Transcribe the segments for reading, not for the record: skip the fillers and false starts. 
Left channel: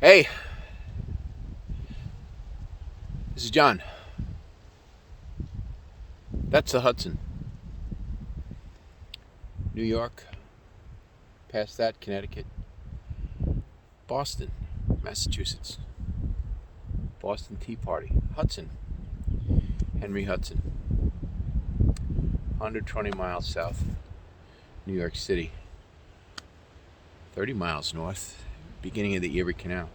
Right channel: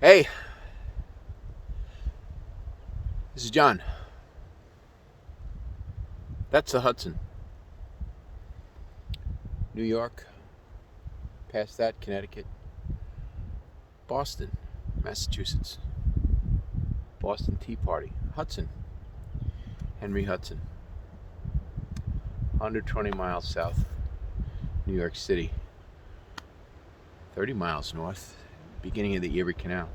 Hey, this is John. That's the Hudson. New York, past that, Connecticut, Boston, Massachusetts, Boston Tea Party, Hudson, Henry Hudson, 120 miles south, New York City, 30 miles north, beginning of the Erie Canal.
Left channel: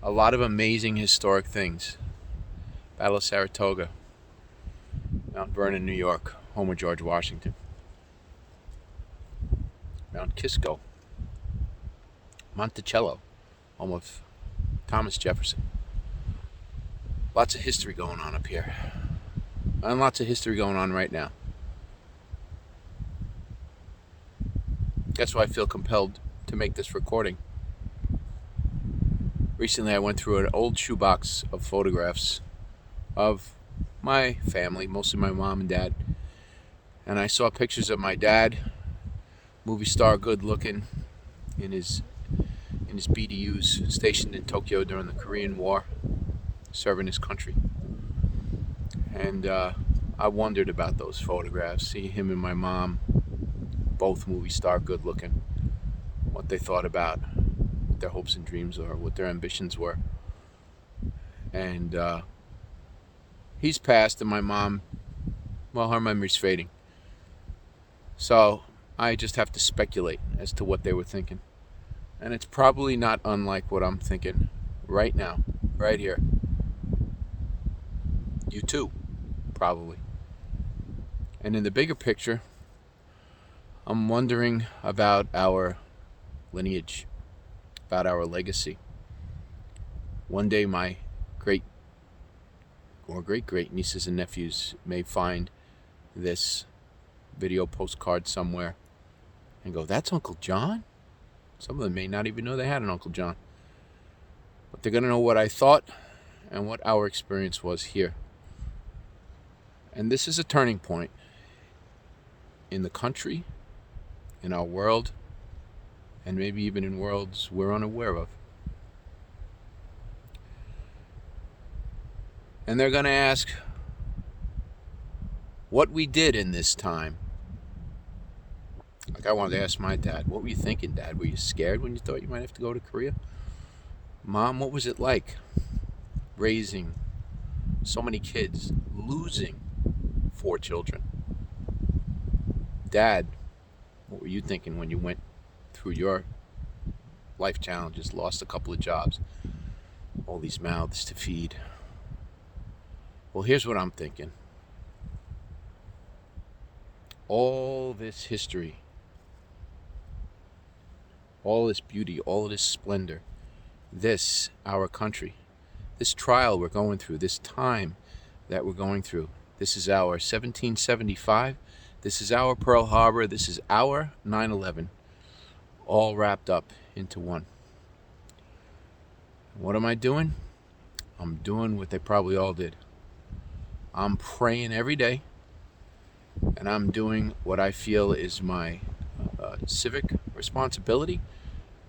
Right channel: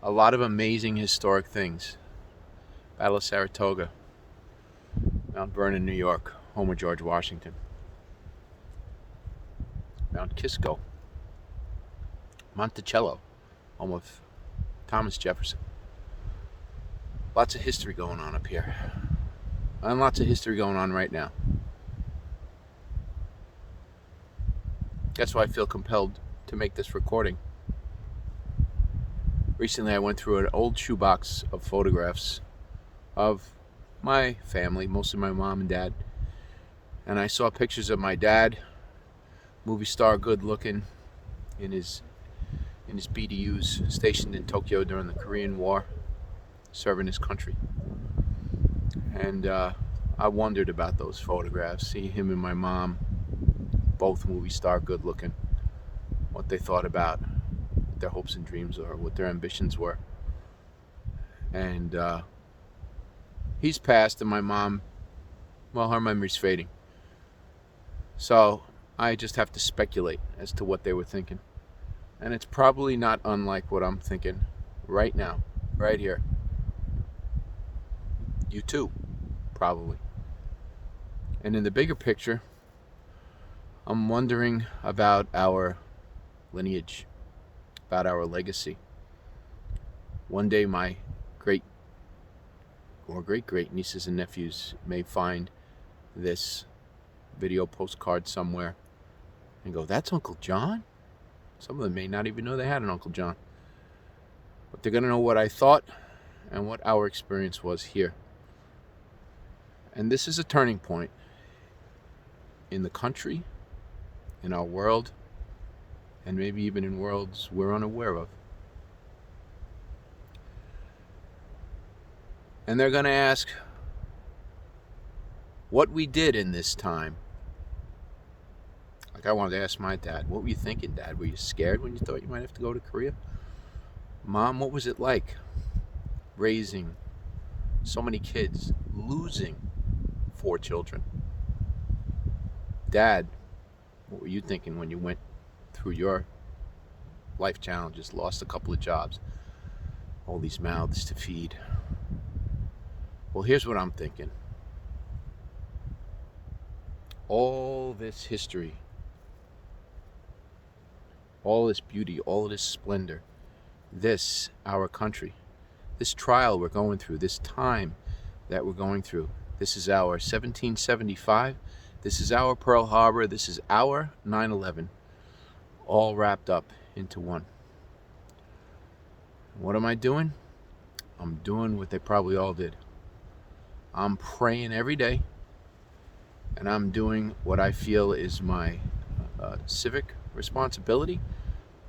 A lot of amazing historic things. Battle of Saratoga, Mount Vernon, New York, home of George Washington. Mount Kisco, Monticello, home of Thomas Jefferson. Lots of history going on up here. And lots of history going on right now. That's why I feel compelled to make this recording. Recently I went through an old shoebox of photographs of my family, mostly my mom and dad. And I saw pictures of my dad, movie star, good looking, in his BDUs, stationed in Tokyo during the Korean War, serving his country. And I wondered about those photographs, see him and my mom, both movie star, good looking, what they thought about, what their hopes and dreams were, what their ambitions were. And he's passed, and my mom, well, her memory's fading. So I just have to speculate as to what they were thinking. And it's probably not unlike what I'm thinking right now, right here. You too, probably. And in the bigger picture, I'm wondering about our lineage, about our legacy. One day my great nieces and nephews may find this video postcard somewhere and go, "That's Uncle John?" Some of them may not even know they had an Uncle John. But they're going to know what I thought and what our experience was here. And this is a turning point in the country, in our world, and maybe even in worlds we're unaware of. And they're going to ask what we did in this time. Like I wanted to ask my dad, what were you thinking, Dad? Were you scared when you thought you might have to go to Korea? Mom, what was it like raising so many kids, losing 4 children? Dad, what were you thinking when you went through your life challenges, lost a couple of jobs, all these mouths to feed? Well, here's what I'm thinking. All this history, all this beauty, all this splendor, this, our country, this trial we're going through, this time that we're going through, this is our 1775, this is our Pearl Harbor, this is our 9/11, all wrapped up into one. What am I doing? I'm doing what they probably all did. I'm praying every day, and I'm doing what I feel is my civic responsibility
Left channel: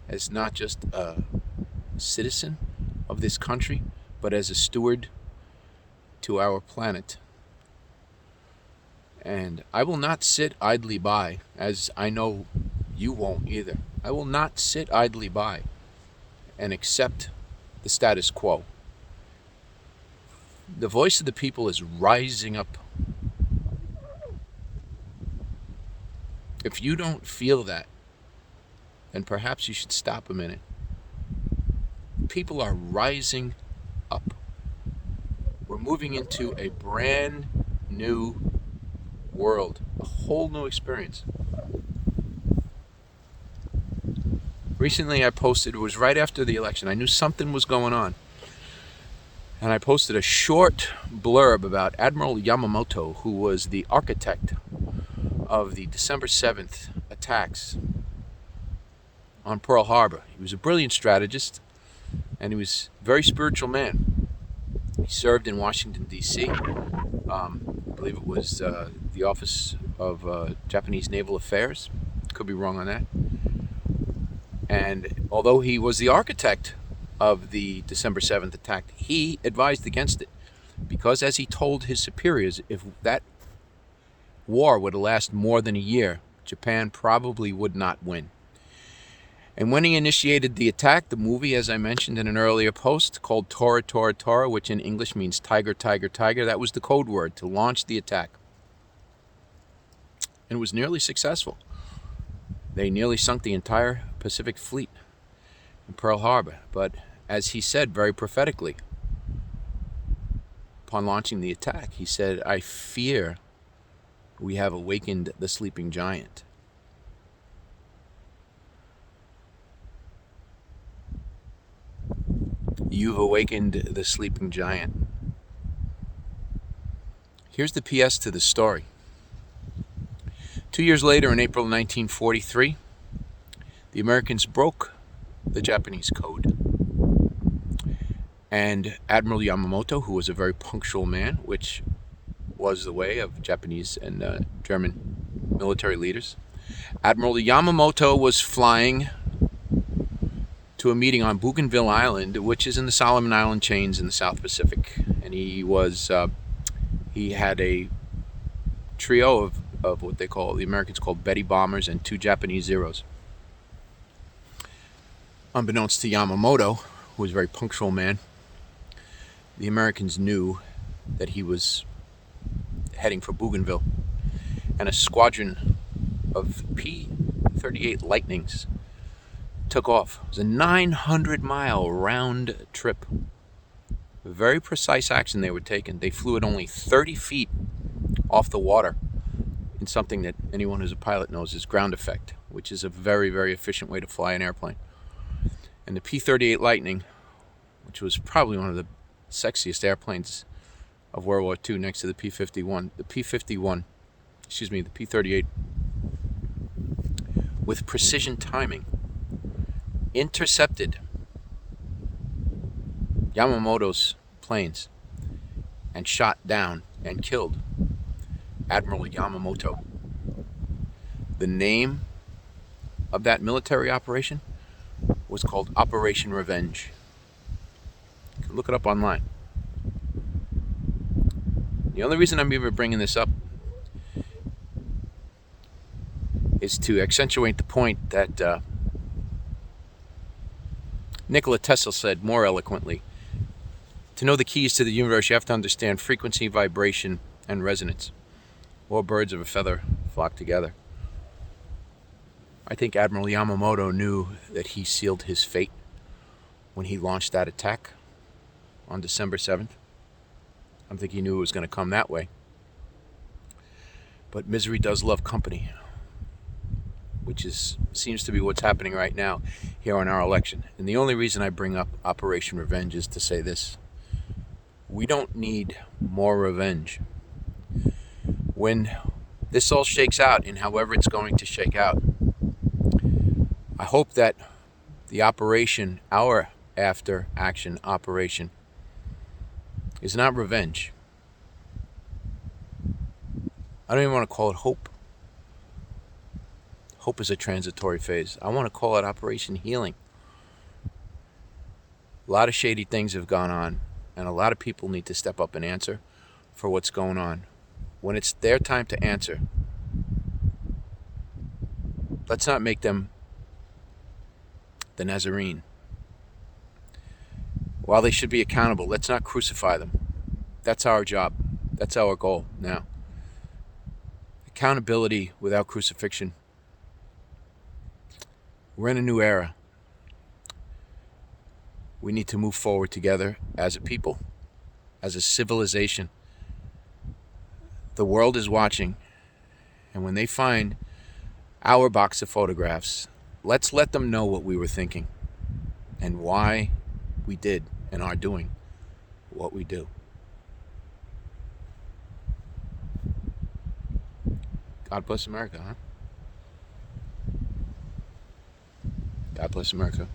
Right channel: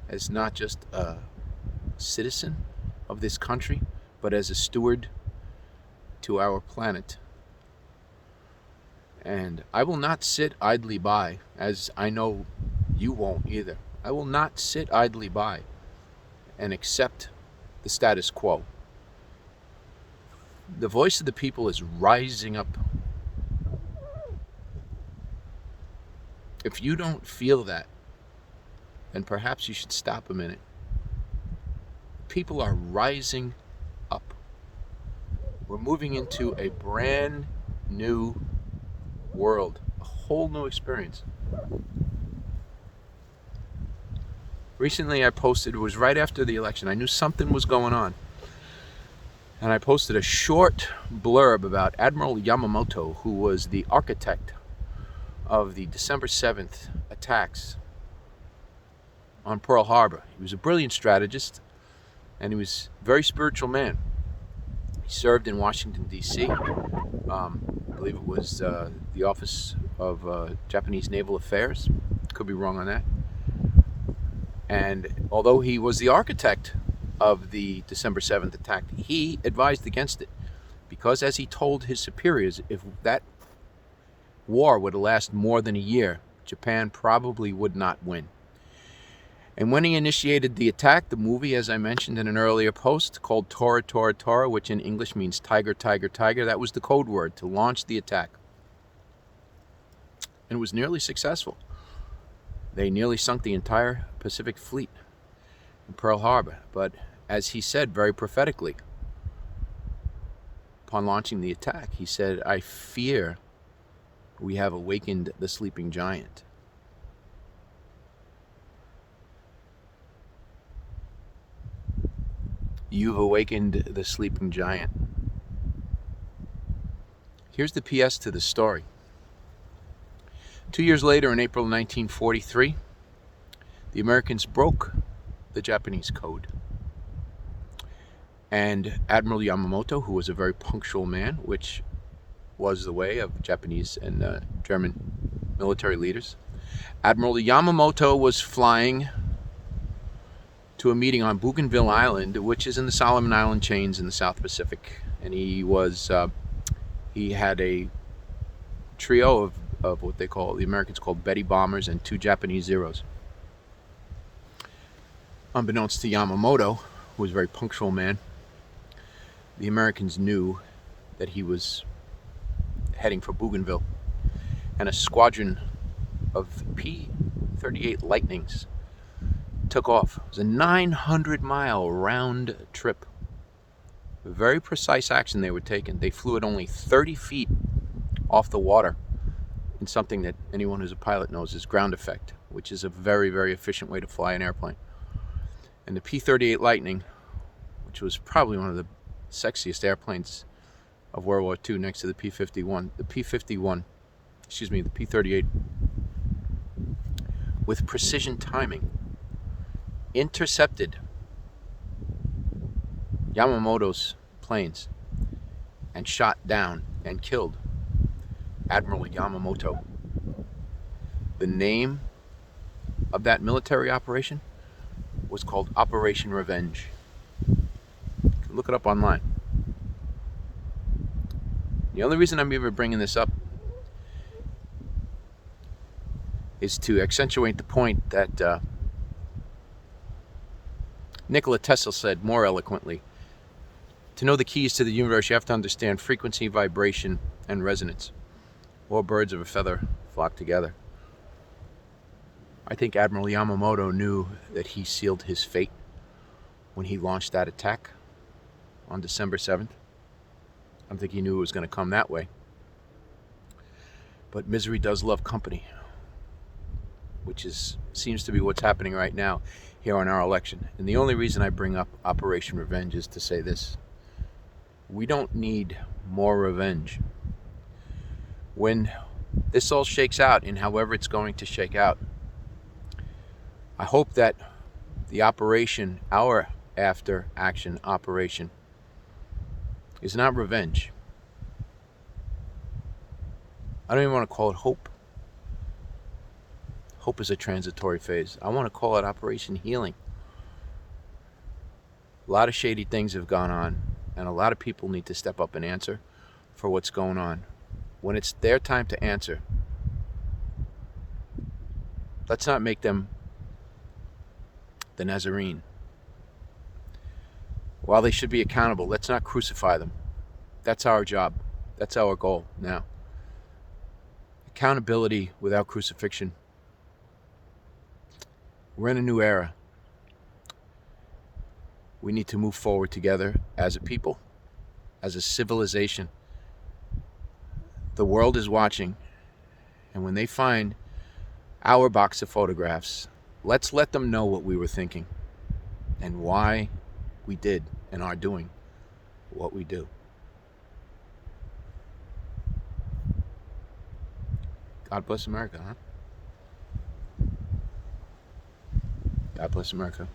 as not just a citizen of this country, but as a steward to our planet. And I will not sit idly by, as I know you won't either. I will not sit idly by and accept the status quo. The voice of the people is rising up. If you don't feel that, then perhaps you should stop a minute. People are rising up. We're moving into a brand new world, a whole new experience. Recently I posted, it was right after the election, I knew something was going on. And I posted a short blurb about Admiral Yamamoto, who was the architect of the December 7th attacks on Pearl Harbor. He was a brilliant strategist, and he was a very spiritual man. He served in Washington, D.C. I believe it was the Office of Japanese Naval Affairs. Could be wrong on that. And although he was the architect of the December 7th attack, he advised against it because, as he told his superiors, if that war would last more than a year, Japan probably would not win. And when he initiated the attack, the movie, as I mentioned in an earlier post, called Tora Tora Tora, which in English means tiger, tiger, tiger, that was the code word to launch the attack. And it was nearly successful. They nearly sunk the entire Pacific Fleet in Pearl Harbor. But as he said very prophetically, upon launching the attack, he said, "I fear we have awakened the sleeping giant." You've awakened the sleeping giant. Here's the PS to the story. 2 years later, in April 1943, the Americans broke the Japanese code. And Admiral Yamamoto, who was a very punctual man, which was the way of Japanese and German military leaders, Admiral Yamamoto was flying to a meeting on Bougainville Island, which is in the Solomon Island chains in the South Pacific. And he had a trio of what the Americans called Betty bombers and 2 Japanese Zeros. Unbeknownst to Yamamoto, who was a very punctual man, the Americans knew that he was heading for Bougainville, and a squadron of P-38 Lightnings took off. It was a 900-mile round trip. A very precise action they were taking. They flew at only 30 feet off the water in something that anyone who's a pilot knows is ground effect, which is a very, very efficient way to fly an airplane. And the P-38 Lightning, which was probably one of the sexiest airplanes of World War II next to the P-51, the P-38, with precision timing, intercepted Yamamoto's planes and shot down and killed Admiral Yamamoto. The name of that military operation was called Operation Revenge. You can look it up online. The only reason I'm even bringing this up is to accentuate the point that Nikola Tesla said more eloquently. To know the keys to the universe, you have to understand frequency, vibration, and resonance. All birds of a feather flock together. I think Admiral Yamamoto knew that he sealed his fate when he launched that attack on December 7th. I don't think he knew it was going to come that way. But misery does love company, which seems to be what's happening right now here on our election. And the only reason I bring up Operation Revenge is to say this. We don't need more revenge. When this all shakes out, and however it's going to shake out, I hope that the operation, our after action operation, is not revenge. I don't even want to call it hope. Hope is a transitory phase. I want to call it Operation Healing. A lot of shady things have gone on, and a lot of people need to step up and answer for what's going on. When it's their time to answer, let's not make them the Nazarene. While they should be accountable, let's not crucify them. That's our job. That's our goal now. Accountability without crucifixion. We're in a new era. We need to move forward together as a people, as a civilization. The world is watching, and when they find our box of photographs, let's let them know what we were thinking and why we did and are doing what we do. God bless America, huh? God bless America.